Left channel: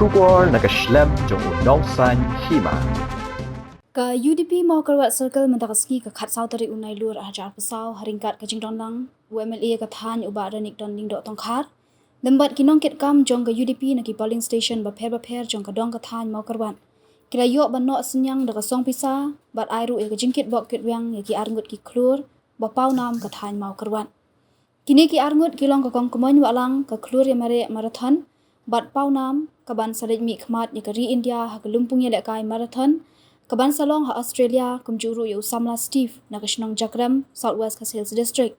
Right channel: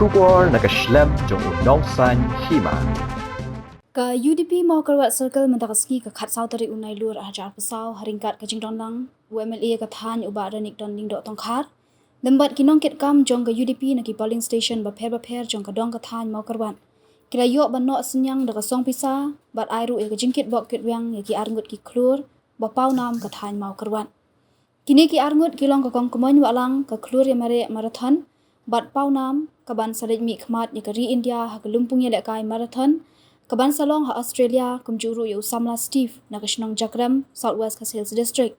Shubor nakaslem jong unongsan hima. Ka UDP mau kerwat circle mentakaski ka khat sau tari unai lur ajar pesau haringkat ka jingdon lang UMLA ka than uba ranik don ning dok tongkhar lembat kinong ket kam jong ka UDP na ki polling station ba pher jong ka dong ka than mau kerwat kila yo ban no senyang da ka song pisa bat airu e ka jingkit bok ket wiang ye ki arngut ki klur ba pau nam ka than mau kerwat kini ki arngut kilong ka kong kemoy walang ka klur ye mare marathon bat pau nam ka ban salit mi khmat ye ka ri India ha ka lumpung ye lekai marathon Kaban salong ha Australia kumjuru yu samla Steve na kashnong Jakram Southwest Hills District.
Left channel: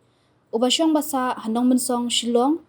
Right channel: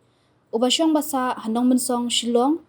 Ubasyong basa hanong mensong Shillong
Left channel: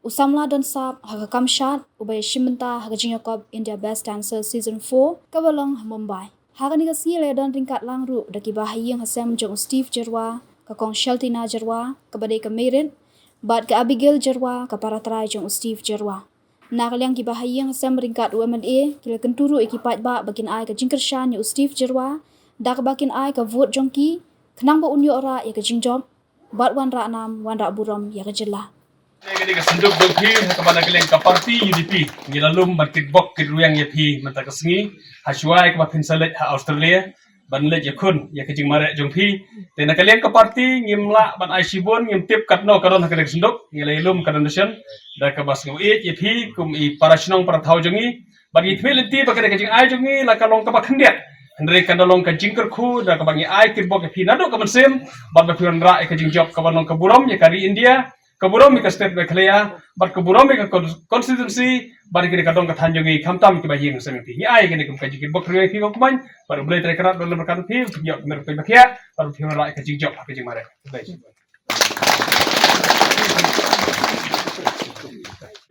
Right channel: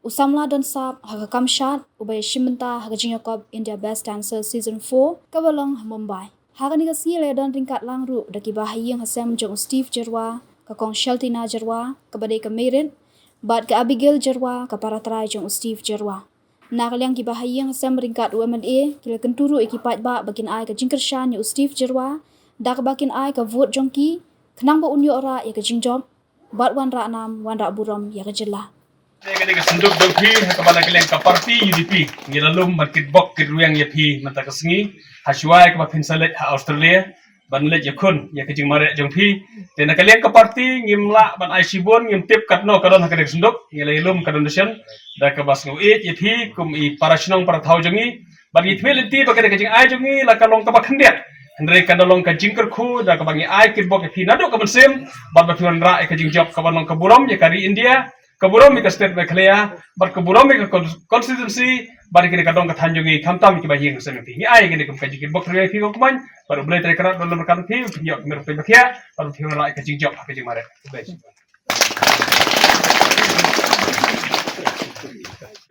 usamla don sap ha kamshat ubay shimenta ha Jacob India Best Dancer Season 4 kabalong ha Mumbai. Ha ni kasi le don ringkat lang ru daki bahayeng hasem jong Steve Jerwa ka kong Sheltina Jerwa kabadai ka Merit bad ka Abigail Jerwa ka paratrai jong Steve Jerwa. Nakaliang kibahayang hasem ringkat UMLA kila kenturu ikipat ba bakin ai ka jingkershan yu Steve Jerwa dak bakin ai ka vote jongki kenang ba unyo ora ya ka jingjob bat wan ra nam wan ra burom ya ka jela Kali senduk dongki kepada kalian ke parti UDP ngilalum market bok kiruyang yapi mentakasngi hashwai ke pinsalet ha Australia banlet yakun ya kejing mare jongpi tena kalian ke parti ngimla ban aishibon ngimtip katno kadon hakadek senduk ngilalum kadon nation da ke basngu yapi kum I parashnong para thau jongi bagi tmeliti bakade kejing ai jongi la kalong ke bakhendiat Hendrik kandolong ke jingkerku da ke bangi ai kirbok yapi nado ke mensem bat bapion ra kejing job ke banong ke burom ya kari India Keburom ke state Beklea, bar keburom ke constituency, bar kini kadong ke Tanjungi, kamtam ke bahiyang sementing. Ai kini kum kaji kibok riai fi kuman, baru boleh terkerat dalam berkat fi, nyok merupai bakia, baru fi rai kaji job apa jeng mare.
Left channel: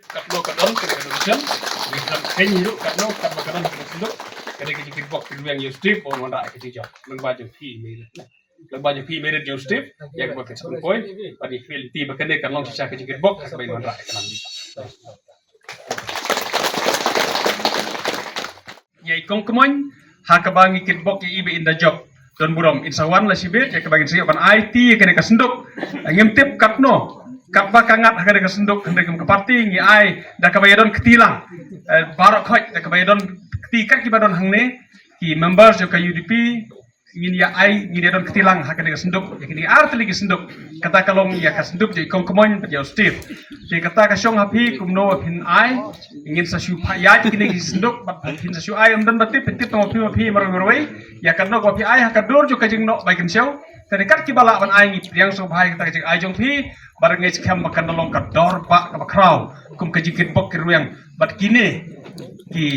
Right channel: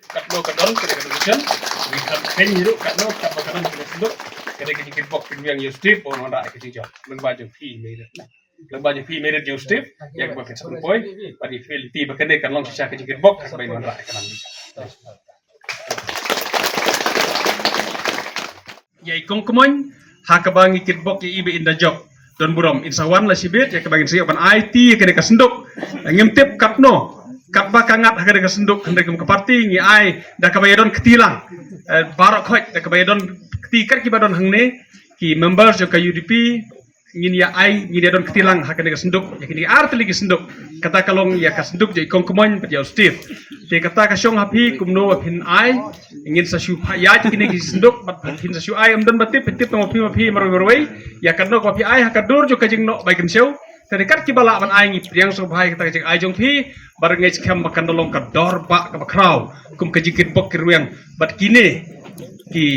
Katno kadon ke condition, we have kenyiru katno kadon ke senduk, kini kaji kibok riai yang strip, orang rai kaji job, mengbaju fi made. Lembaga fi merit jauh step yang buat example point pada feel tiba kene kan long sisa ke jikir bok sampai mana ekonomi ya ikong kemoy hakabangi kit bok ya ibe inda job don burom insawan la sibet ya kabangin siap pan IT kene ka senduk ngimtip kapno kapba kangat hakade ka senduk hendak ke parti ngi ai da kabayadon ketilang barok khoj da kabayadon ketikat kibadon hangne ki members jo ka UDP ingin ya ai ingin don ketilang hakane ka senduk ya kini artli ki senduk kata kalong ya ka senduk je kong kumon ya Steve te kata ka syong hapi kumno hin ai ingin sa syu ya kini ki senduk bat hin sa syu ai amdan batip petip to mapi maroi ya kadno ko pi ai hakadur jo kajing no baiken show te dekat ki bala ban ai ngi yang so bhai kata kajing ai jong pi bar ngai kham makan dolong ka dor ba ka kraw kum kajikit pok ki ruang bat kini ki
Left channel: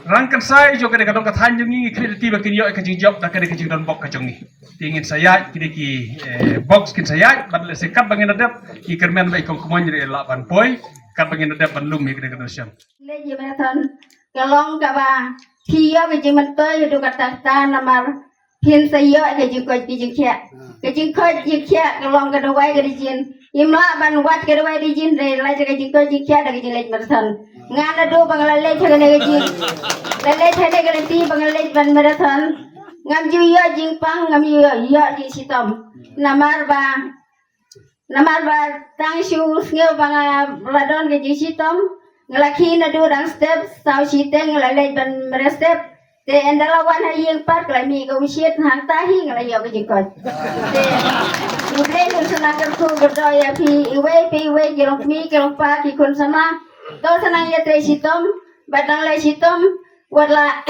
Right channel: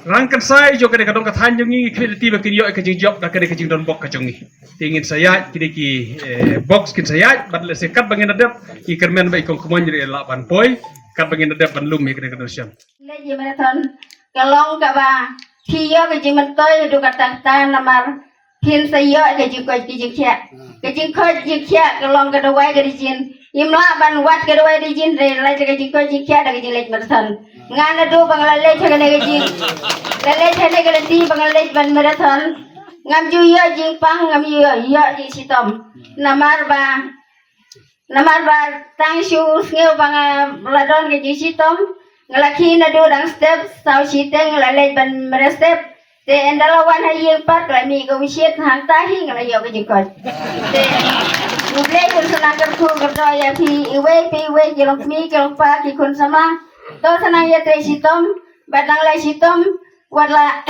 Rangkan saya juga kadang-kadang katahan jongi krediti bakti yo ke job dah kadang-kadang don bok kajongi. Ingin saya kini ki box kin saya badle sekat bangin adap ki kermen ba ikong kumon jadi laban poi kat bangin adap ban lum kadang-kadang siang. Leji marathon kalong ka ba thiyo ke jiman toy du kata namar pin sayo ke jiko ki jikya. Ke jiko jikya kalong ka dawai ke dijin imla ban wat ke dawai dijin re la ke jiko jikya da ke jilej marathon. Ngana do bangalale thagane ke jin lale thane ke ti bangalale ban marathon ngam ju yo jing pang ngam yo jing sitom namar ba tang shu ngeu bang ladon ke jing sitom ngalaki na do dang step sau siteng lale ban mara step te endala wan ha yeng par klami ko misit hang tahi ngala yo ke jing ko te uble kun sanakan ko gordo ya pi iwe girok mi girok pa ki kun sama to sanang ya tre sitom badang lai sitom wala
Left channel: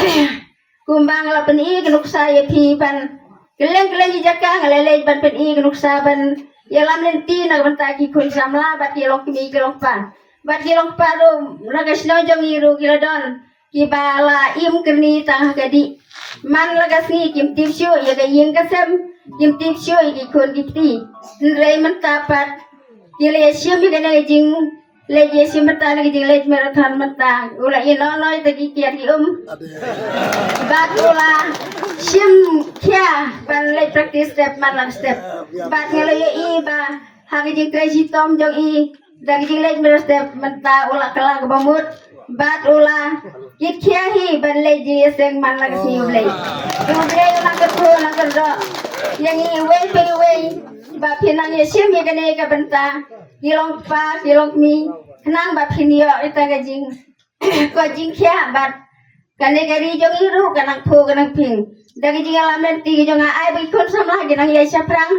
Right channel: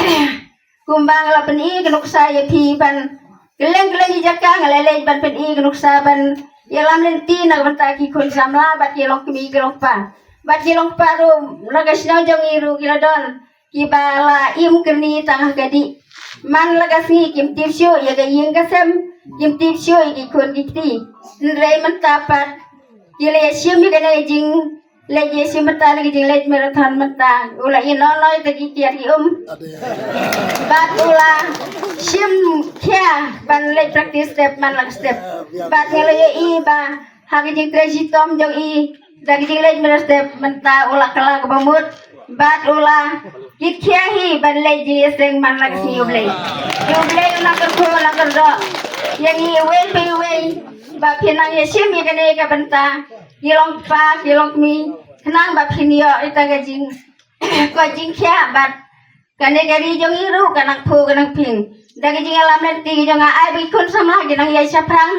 kumbang la peni genuksa ya pi ban geleng jaka ngalele ban peni genuksa ban ya lam lenti na banta ki kun samla bat ki long mi gelong pa ro naga sino jong iru giladon ki bala im kerni tang gadi man laga si kim tipsyo ya ga yeng kasem kim tipsyo ki kun giti ndrei mentapat kile syemi gane jing lagi simeta lagi jilej marathon menta ula inonoy tadi kiat ki bat ula sim kya ban le practice step man lag step bat ngele I ba hagi jing crazy tom jong I dagi jilej marathon step menta ula kala bamut bat ula kit kya hi ban le jileseng man lag si uble na kerdo yang I we ba pinang ye sim ye kene ka benta kilong pa kilong mi kenang ba pinio ita gajing ko jing kia bat kane gari jong iru kanak pu kanak ping dagi jing alam nanti jong ai bi kun samla ginang yai saprang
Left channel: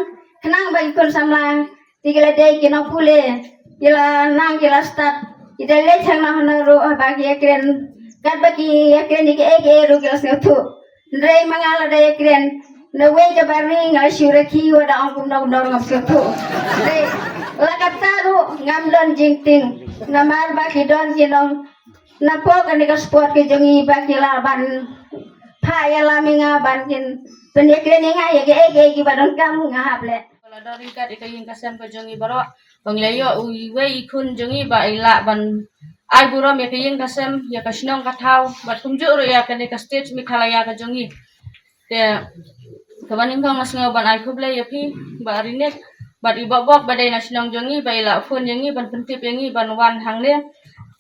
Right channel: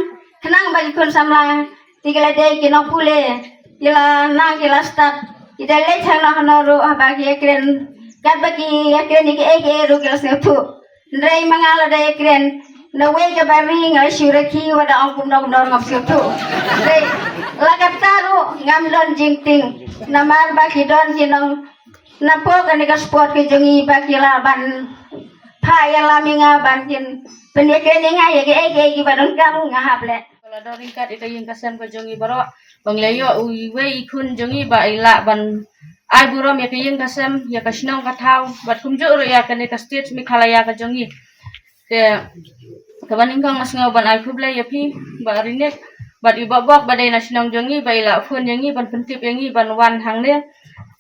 kenang bagi kun samla tigala dei kino pule ila nang kila start ida le chang na honoro bagi ekren kat bagi ekren ni ke ege ru kila setu ndrei mangala de ekren na we ke bari ngal shuraki wada ongkum dong dong ngap setu ndrei lagat karu ngam don jing ting namar bagi don kinong na po kani ka sport ke jongi bakila ban phaya laminga ban kin penekre nga ege gi badon kamu nga haple kalau dari kat itu yang kasam ke jongi baro banglayo uiwe ikun jongi ba ila ban ai buram ya yang kasam ya kasnong katau bat kumjur ya kani ka stage mi khalaya ka jongi te kabaning kang mas ban ai puble ya pi ba rinek bat ibabok badai nasionong jongi ba ila fun jongi ban pentip yangi ban wan hangne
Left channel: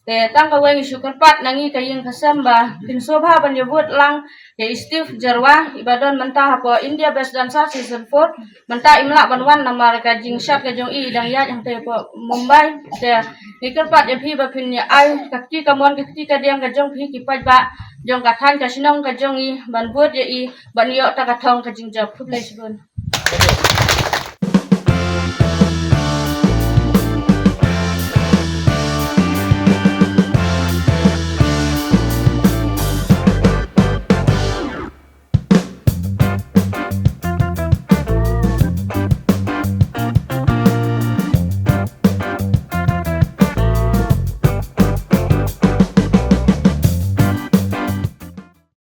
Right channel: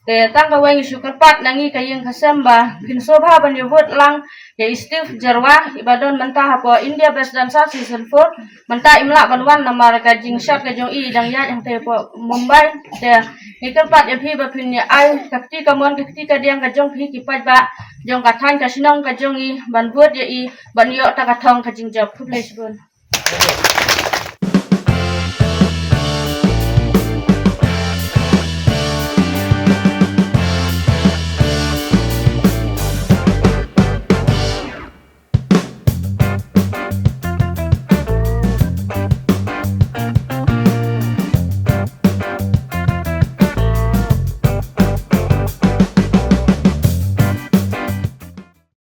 te tang ka wengi syukur pat nangi kayeng kasam ba pin sobha ban yebut lang ya Steve Jarwa ibadon mentah apa India Best Dancer season 4 mentah imla ban wan nama ka jing shot ka jong i dang ya yang te po Mumbai te ikir pat ya phi ba pin ya ai kakti ka mon kakti ka diang ka jong phi ki pat ba jong ka than ka sinong ka jong i ban bot ya i ban yo ta ka thong ka jing job pu place bun